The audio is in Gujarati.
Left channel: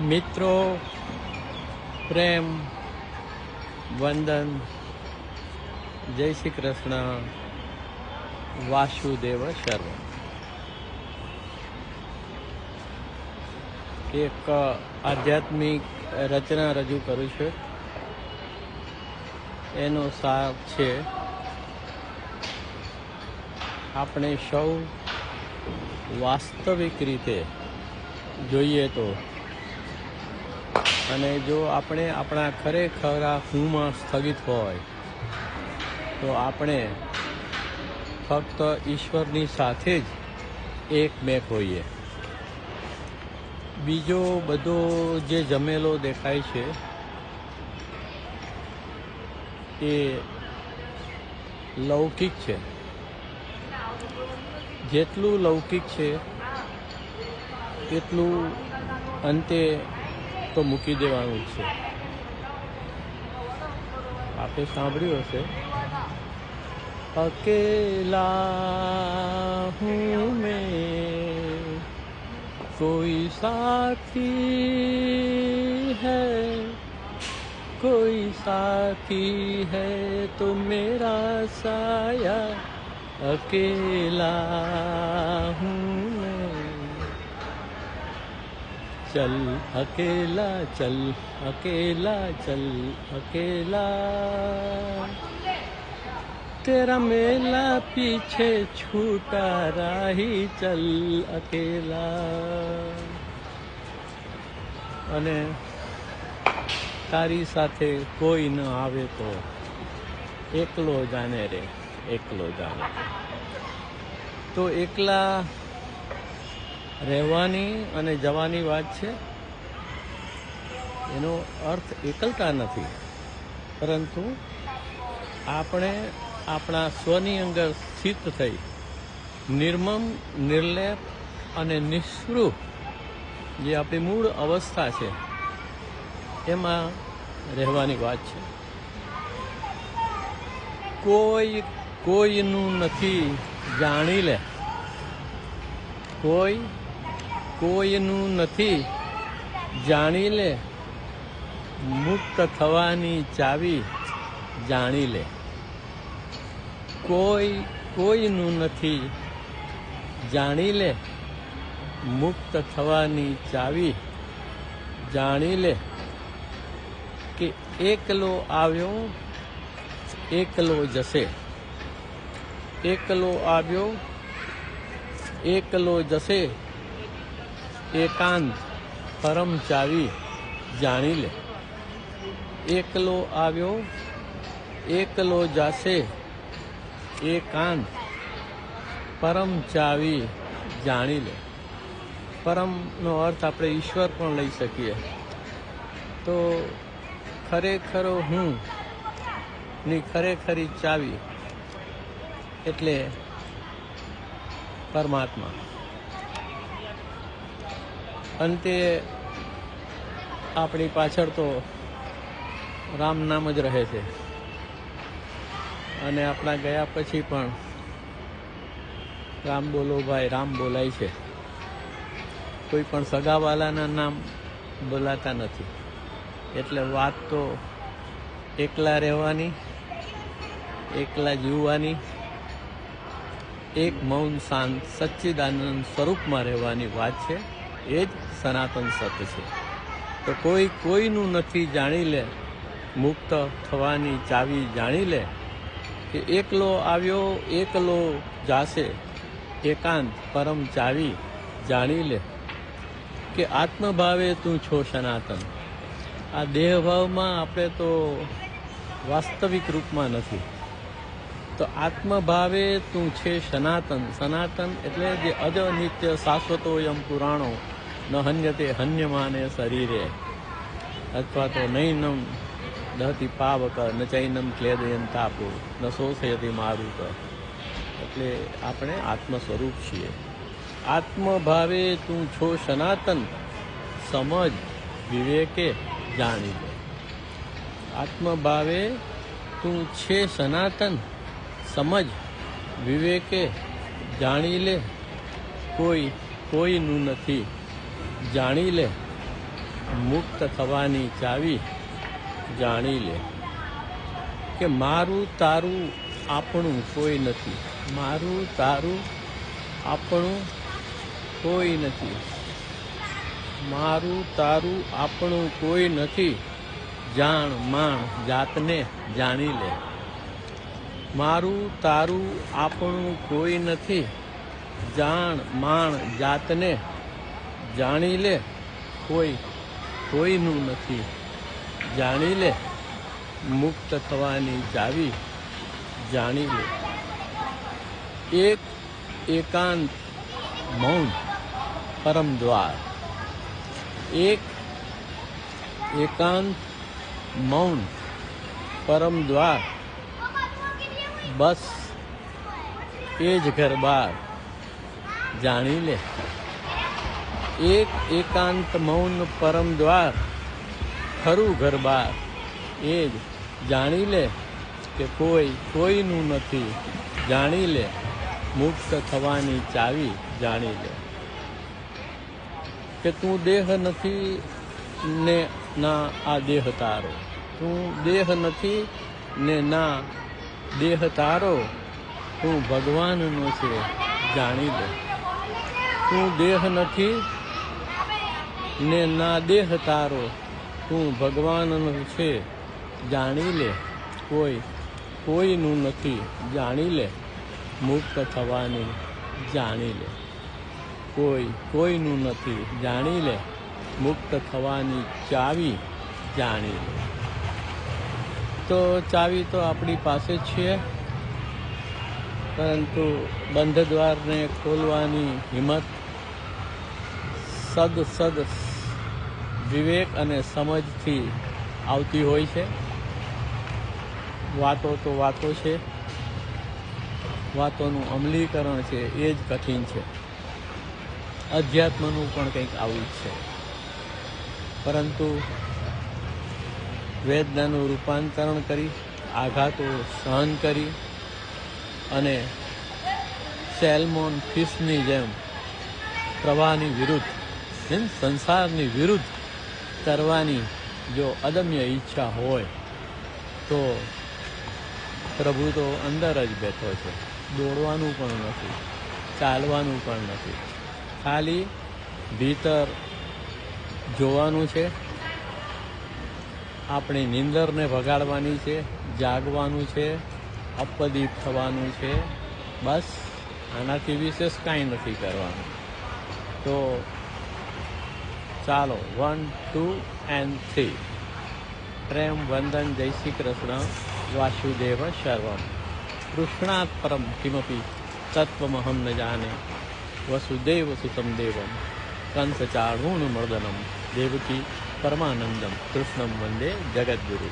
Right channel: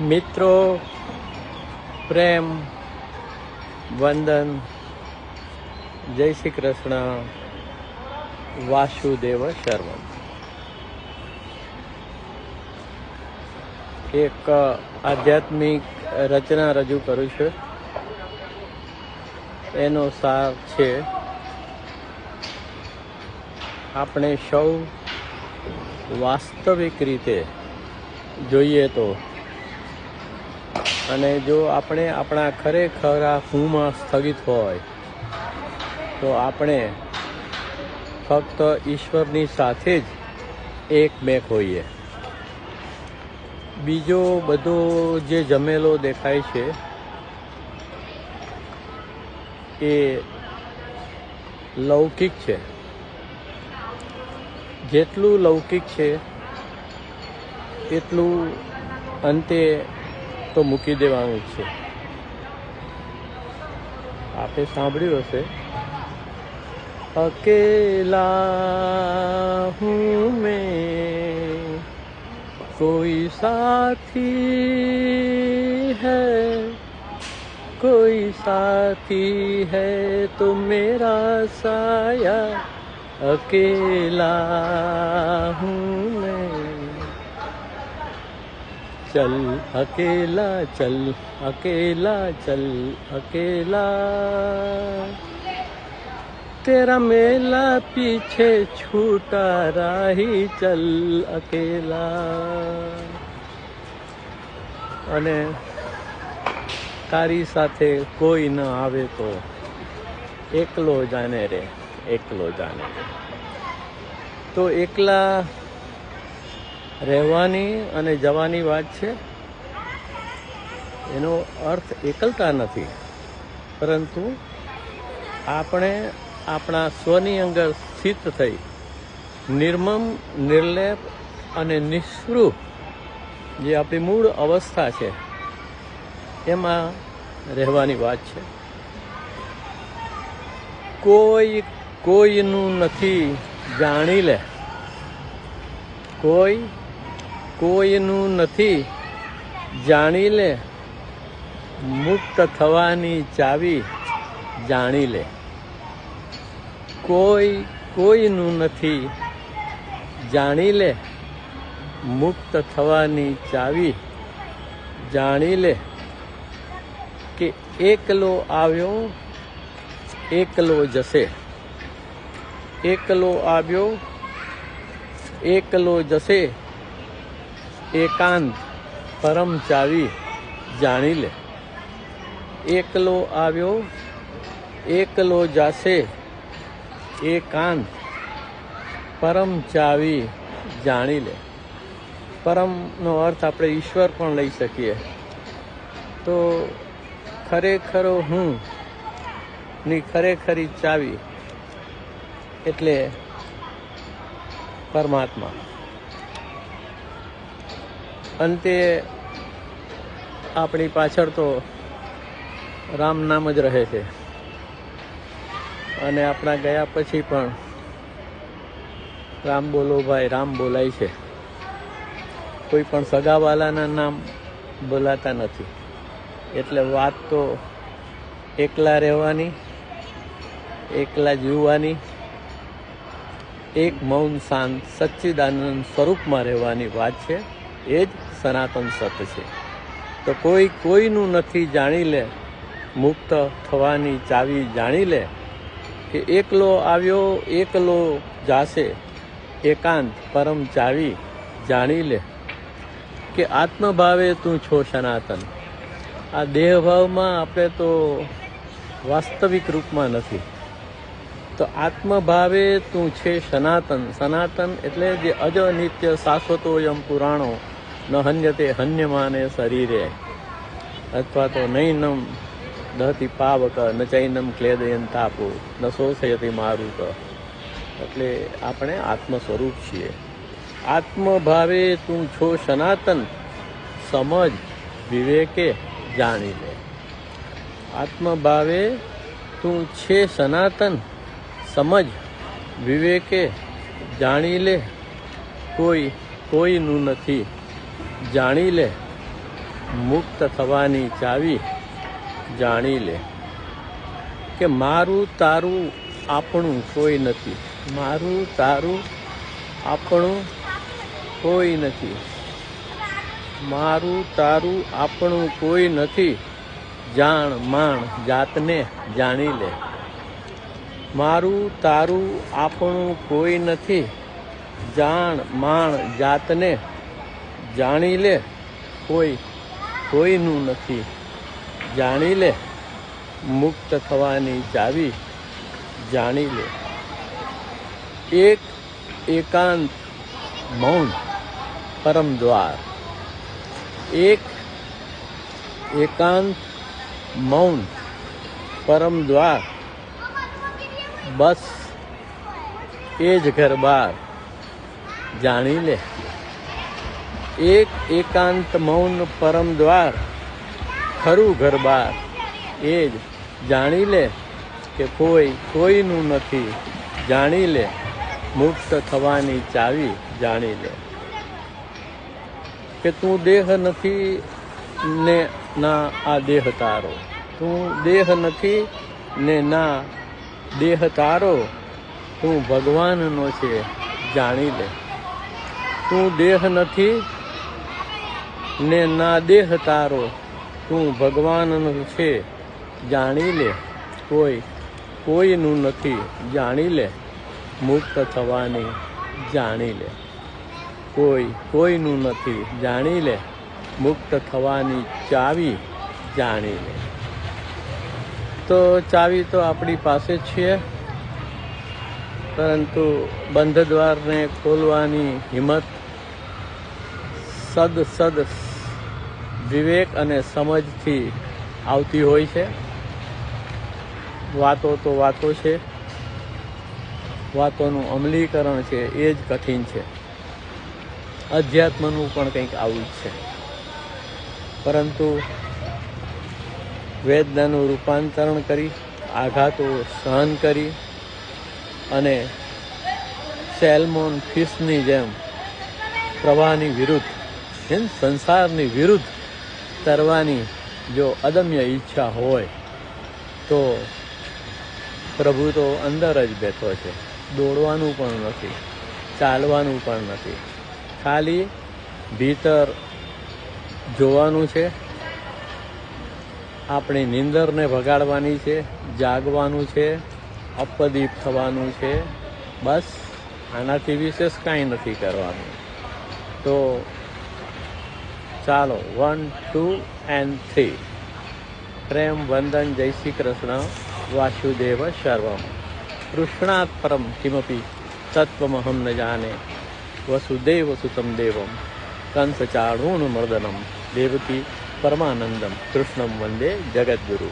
મિત્રો, પ્રેમ, વંદન, જય શ્રી કૃષ્ણ, વાસુદેવ શર્મા. એક આધ્યાત્મિક રચના રજૂ કરું છું. એનો સાર છે, આપણે સૌ વાસ્તવિક રીતે જોઈએ તો, અને જો આપણે આપણા ખરેખરા હુંમાં સ્થગિત હોય તો આપણે ફક્ત ઈશ્વરની સાથે જ એકમેક હોઈએ. બીજો બધો જે જમેલો દેખાય છે એ લૌકિક છે. જેટલું લૌકિક છે એટલું અંતે તો મૂકી દેવાનું છે. આપે સાંભળ્યું હશે, અકેલા હું મેં, કોઈ સાથી હૈ, કોઈ સાથી હૈ તો મેરા સાયા, अकेला हूँ मैं. चल अकेला चल, अकेला चल, अकेला तेरा मेला पीछे छूटा राही, चल अकेला. અને તારી સાથે કોઈ ન આવે તો એકલો જાને રે, એકલો જાને. તો એકલા રહેવાની અને જવાની વાત છે. એનો અર્થ એકલતા નથી, પરંતુ આપણે આપણા સ્વની અંદર સ્થિત થઈ નિર્મમ, નિર્લેપ અને નિસ્પૃહ જે આપણી મૂળ અવસ્થા છે એમાં રહેવાની વાત છે. કોઈ કોઈનું નથી જાણી લે, કોઈ કોઈનું નથી જાણી લે, મુક્ત થવાની ચાવી જાણી લે. કોઈ કોઈનું નથી જાણી લે, મુક્ત થવાની ચાવી જાણી લે. કે એકલો આવ્યો એકલો જશે, એકલો આવ્યો એકલો જશે, એકાંત પરમ ચાવી જાણી લે. એકલો આવ્યો એકલો જશે, એકાંત પરમ ચાવી જાણી લે. પરમનો અર્થ આપણે ઈશ્વર પણ લઈ શકીએ. તો ખરેખરો હું ની ખરેખરી ચાવી એટલે પરમાત્મા. અંતે આપણી પાછળ તો રામ નામ જ રહે છે, અને આપણા ગયા પછી પણ રામ બોલો ભાઈ, રામ બોલાય છે. કોઈ પણ સગાવાલાના નામ બોલાતા નથી. એટલે વાત તો એકલા રહેવાની, એકલા જીવવાની, એક મૌન શાંત સચ્ચિદાનંદ સ્વરૂપમાં રહેવાની વાત છે. એ જ સનાતન સત્ય છે. તો કોઈ કોઈનું નથી જાણી લે, મુક્ત થવાની ચાવી જાણી લે. કે એકલો આવ્યો એકલો જાશે, એકાંત પરમ ચાવી જાણી લે. કે આત્મભાવે તું છો સનાતન. આ દેહભાવમાં આપણે તો વાસ્તવિક રૂપમાં નથી. તો આત્મભાવે તું છે સનાતન. સનાતન એટલે જે અજ નિત્ય શાશ્વતોયમ પુરાણો ન હન્યતે હન્યમાને શરીરે, અથવા તો નૈનમ દહતી પાવક ન ચૈનમ ક્લેદયન તાપો ન શોષયતી મારુત. એટલે આપણે આત્મ સ્વરૂપ છીએ. આત્મભાવે તું છો સનાતન, સમજ વિવેકે જાણી લે. આત્મભાવે તું છે સનાતન, સમજ વિવેકે જાણી લે. કોઈ કોઈનું નથી જાણી લે, મુક્ત થવાની ચાવી જાણી લે કે મારું તારું આપણું કોઈ નથી, મારું તારું આપણું કોઈ નથી, મારું તારું આપણું કોઈ નથી, જાણ માણ જાતને જાણી લે, મારું તારું આપણું કોઈ નથી, જાણ માણ જાતને જાણી લે, કોઈ કોઈનું નથી જાણી લે, મુક્ત થવાની ચાવી જાણી લે. એક એકાંત મૌન પરમ દ્વાર, એક એકાંત મૌન પરમ દ્વાર, બસ એ જ ઘર બાર જાણી લે. એક એકાંત મૌન પરમ દ્વાર, ખરું ઘર બાર એ જ જાણી લે કે કોઈ કોઈનું નથી જાણી લે, મુક્ત થવાની ચાવી જાણી લે. કે તું દેહ નથી ને ના આ દેહ તારો, તું દેહ નથી ને ના દેહ તારો, તું ભગવાનનો છે જાણી લે. તું દેહ નથી ને ના દેહ તારો, તું ભગવાનનો છે જાણી લે, કોઈ કોઈનું નથી જાણી લે, મુક્ત થવાની જાણી લે, કોઈ કોઈનું નથી જાણી લે, મુક્ત થવાની ચાવી જાણી લે. તો ચાવી તો આપણી પાસે જ છે, પરંતુ બંધ દ્વારને ખોલવાની હિંમત સદ વિવેક અને સમજથી આવતી હોય છે. વાતો તો વાતો છે, વાતોનું અમલીકરણ છે એ જ કઠિન છે. અધ્યાત્મનું પણ કંઈક આવું જ છે, પરંતુ વેદનાનું રૂપાંતરણ કરી, આઘાતો સહન કરી અને સેલ્મોન ફિશની જેમ પ્રવાહની વિરુદ્ધ, સંસારની વિરુદ્ધ તરવાની જો અદમ્ય ઈચ્છા હોય તો પ્રભુ તો અંદર જ બેઠો છે. દોડવાનું પણ નથી, ચાલવાનું પણ નથી, ખાલી ભીતર જોવાનું છે. આપણી નીંદરને ભગાડવાની છે, જાગવાનું છે, અપદીપ થવાનું છે. બસ આનાથી વિશેષ કાંઈ નથી કરવાનું. તો ચાલો 1, 2 and 3 પ્રેમ વંદન. જય શ્રી કૃષ્ણ. વાસુદેવ સર્વમ કૃષ્ણાત પરમ કિમપી તત્વમહમ ન જાને, વસુદેવ સુતમ દેવમ કંસચાણૂર્મર્દનમ દેવકી પરમાનંદમ કૃષ્ણમ વંદે જગદ્ગુરુ.